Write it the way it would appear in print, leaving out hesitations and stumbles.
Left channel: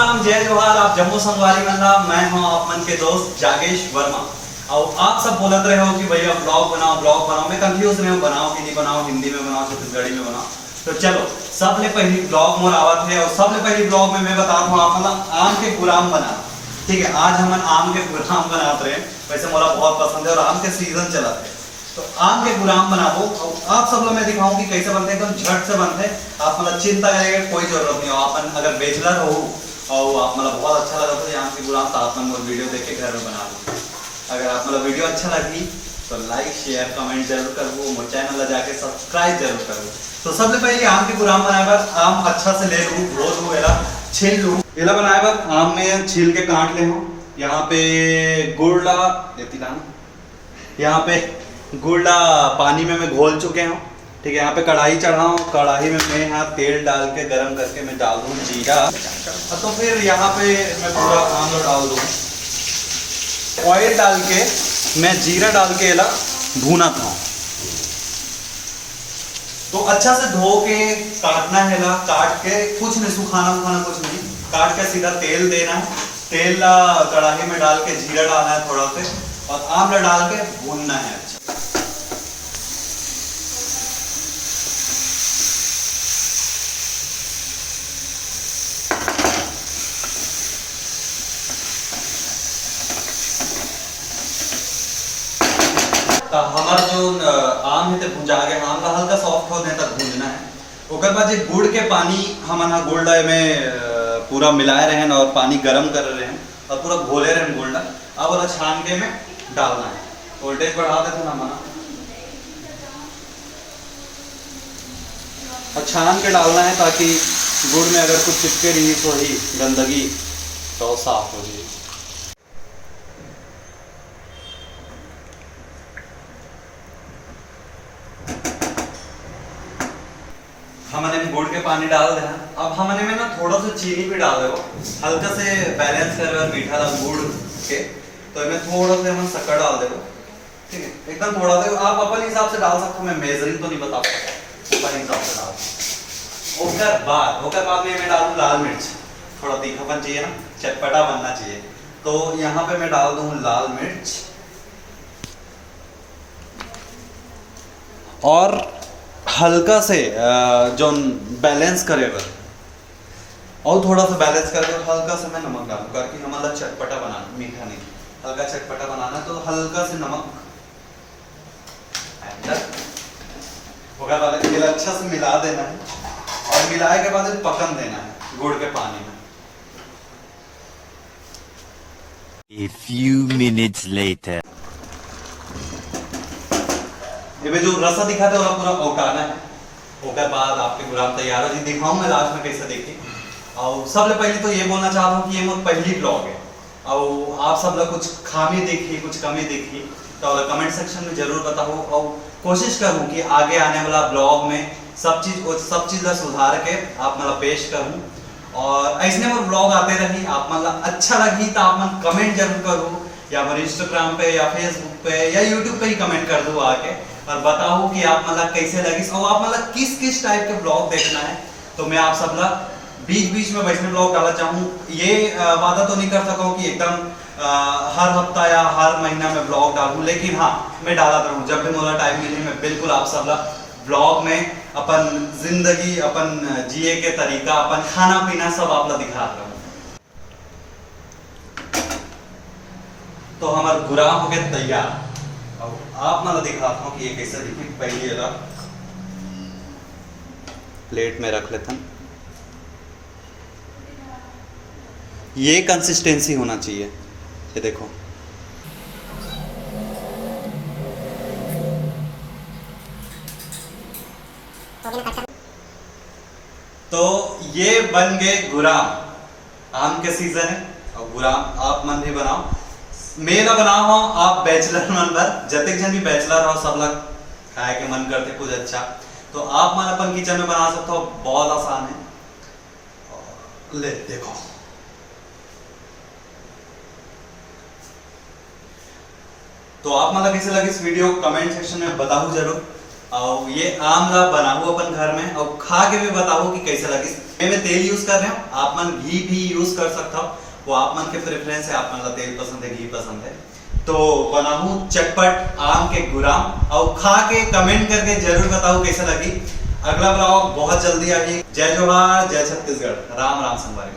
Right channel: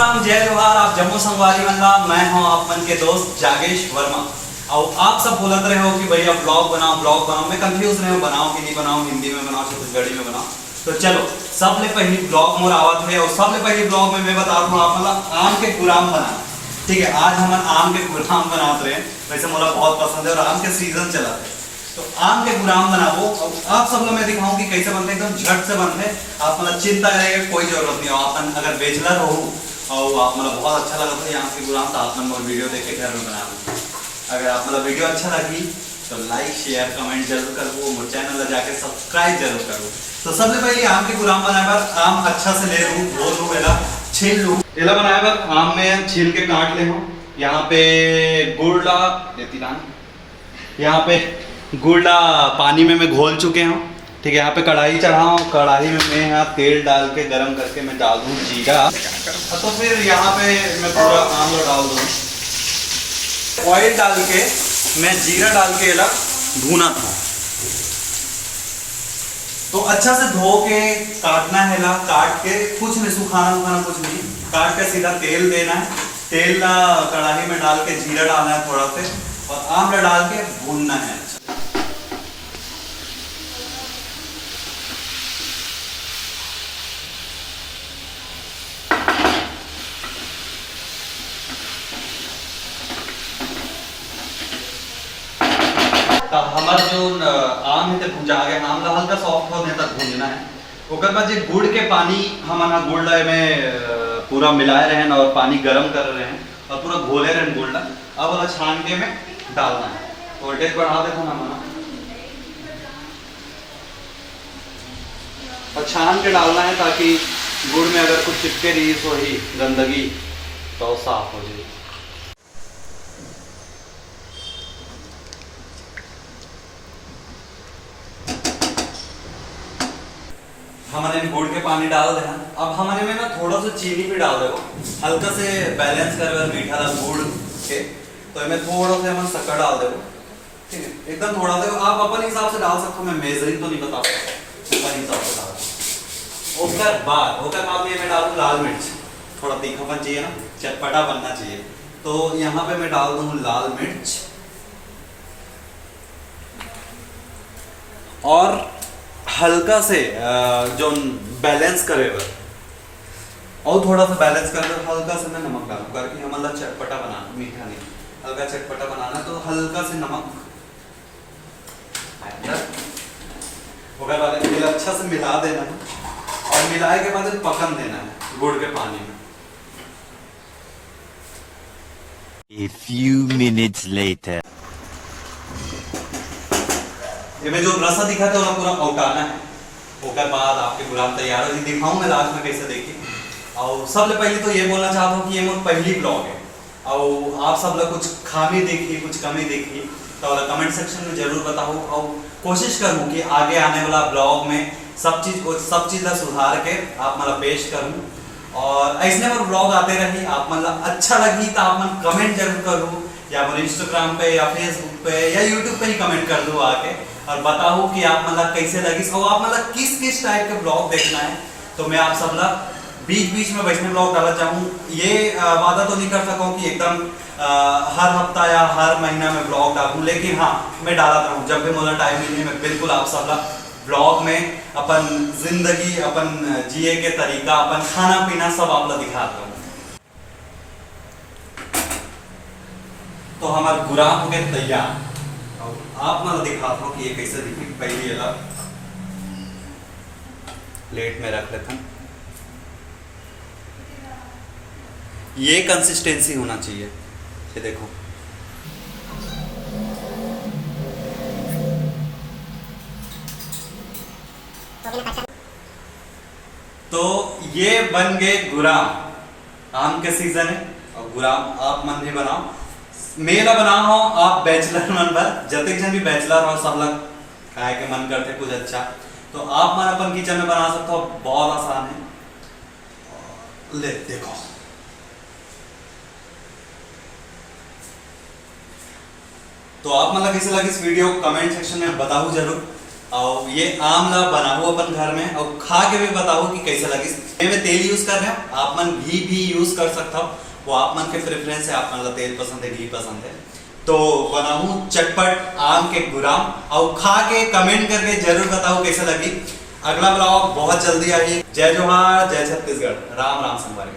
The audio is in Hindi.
राम जय जोहार। आप जम्मू संगवारी मंडला। मैं हूं आप मन के दोस्त जागेश वर्मा। और आप सब बोलते रहे हो कि भैया ब्लॉग बनाओ। मैं कंफ्यूज रहे हो बनाओ कि नहीं बनाओ, हिंदी में बनाओ छत्तीसगढ़ी में बनाओ। तो चलो सबले पहली ब्लॉग मोर आवत है और सबले पहली ब्लॉग में मैं बता रहा हूँ आप मतलब आम के गुलाम बना। ठीक है, आज हम आम के गुलाम बनाते रहे। वैसे मोला बहुत पसंद है और आम के सीजन चला है तो आम के गुलाम बनाबो। आप सब लोग मैं दिखाऊं कि कैसे बनते, एकदम झट से बनते। आप मतलब चिंता करने की कोई जरूरत नहीं हो। आप अगर बेचलर हो और आप मतलब बहुत अच्छा लगा तो आम के गुलाम तो आप मन वीडियो देख के घर में बना लो। अगर आप मतलब वीडियो अच्छा लगी तो लाइक शेयर कमेंट जरूर करो, मोर चैनल जाके सब्सक्राइब जरूर करो। तो सबसे पहले आम के गुलाम बनाए बार आम अच्छा से ले लूँ, धो लूँ, एला छील लूँ। एला बनाए बार आम में छील के काट ले हूँ। यहाँ पे गुड़ ला देती ना, यहाँ पे गुड़ पानी में मैं घोल चुके हूँ। ठीक है, यहाँ पे कढ़ाई चढ़ाऊँ, कढ़ाई में मैं यहाँ तेल डाल के गरम करके मैं डाल दूँ जीरा। तो फिर यहाँ पे मैं पूरा आमला डाल दूँ, ऑयल डाल के मैं जीरा डाल के इला भूना था। तो अच्छा से धो के काटना है ला, काट के कुछ नहीं सुखाना उखाना कुछ नहीं, काट के सीधा तेल देना है। तेल कढ़ाई में डाल के जीरा डालना है थोड़ा से और आमला डाल के भूनना है। हमारा जो आम है भुजा गया, आम का हल्का सॉफ्ट होने तक भूनना है। ओकर बाद गुड़ के पानी हम गुड़ में पूरा मिलाए रहे और पानी गर्म कर रहे हैं और पूरा घोले रहे गुड़। अब वाला छान के में डालना है, वोल्टेज बढ़ा देते ना हमारा और छान के डालना है ताकि गुड़ में अगर कुछ चिपके रही थोड़ी गंदगी तो साफ हो जाए। हमने गुड़ के पानी डाल देना। अब हमने में ना थोड़ा सा चीनी भी डाल दो, हल्का से बैलेंस कर मीठा गुड़ के। तो मैं थोड़ा सा हम शक्कर डाल दे। ठीक है, एकदम थोड़ा सा आप अपन हिसाब से डाल सकते हो, मैं मेजरिंग तो नहीं बता सकता, अपन हिसाब से डाल। ओकर बाद में मैं डालूँ लाल मिर्च। थोड़ा तीखापन चाहिए ना, चटपटा बनना चाहिए, तो यहाँ पे मैं डाल दूँ लाल मिर्च और हल्का से जो बैलेंस करेगा और थोड़ा सा बैलेंस करके हल्का से मैं नमक डालूँ करके हमारा चटपटा बनाना, मीठा नहीं, हल्का चटपटा बनाना। तो हल्का से नमक अच्छा से मिला देना है और मिलाए के बाद पकन देना है गुड़ के पानी में। A few minutes later. ये में जो रसा दिखा था वो पूरा औटाना है। ओकर बाद आपके गुलाम तैयार हो, दिखाऊं मैं लास्ट में कैसे देखिए। और सबसे पहले तो ये बोलना चाहता हूँ कि ये मोर पहली ब्लॉग है और आप सब लोग कुछ खामी देखिए कुछ कमी देखिए तो कमेंट सेक्शन में जरूर बताओ और कोशिश करूँ कि आगे आने वाला ब्लॉग में सब चीज़ का सुधार के आप मतलब पेश करूँ और ऐसे में ब्लॉग आते रही। आप मतलब अच्छा लगी तो आप मन कमेंट जरूर करूँ, या फिर इंस्टाग्राम पे या फेसबुक पे या यूट्यूब पे ही कमेंट कर दो आके और बताओ कि आप मतलब कैसे लगी और आप मतलब किस टाइप के ब्लॉग देखना है। तो मैं आप सब लोग बीच में वैसे ब्लॉग डालना चाहूँ। ये वादा तो नहीं कर सकूँ कि एकदम हर हफ्ता या हर महीना में ब्लॉग डालूँ, लेकिन हाँ मैं डालता रहूँ जब भी मुझे टाइम मिले। मैं बिल्कुल आप सब लोग ब्लॉग में अपन जिंदगी, अपन जिए के तरीका, अपन खाना पीना सब आप लोग दिखाता हूँ। तो हमारा गुलाम हो गया तैयार और आप मतलब दिखाता हूँ कि ये कैसे दिखे। पहले ये प्लेट में रख लेता हूँ। ये कंसिस्टेंसी होना चाहिए, ये देखो। तो ये बन गए गुलाम। आम के सीजन है और गुलाम आप मन भी बनाओ, मेरा बना हो आप बैचलर मन पर जतक जन भी बैचलर हो सब लोग खाए के मन करते कुछ अच्छा तो आप मन अपन किचन में बना सकते हो, बहुत आसान है। ले देखो तो आप मतलब कैसे लगी इस वीडियो कमेंट सेक्शन में बताओ जरूर। और ये आमला बनाऊ अपन घर में और खा के भी बताओ कि कैसा लगी। मैं तेल यूज कर रहा हूँ, आप मन घी भी यूज कर सकता हो, वो आप मन के प्रेफरेंस है, आप मन ला तेल पसंद है घी पसंद है। तो बनाऊ चटपट आम के गुलाम और खा के कमेंट करके जरूर बताओ कैसा लगी। अगला ब्लॉग बहुत जल्दी आई। जय जोहार, जय छत्तीसगढ़, राम राम संगवारी।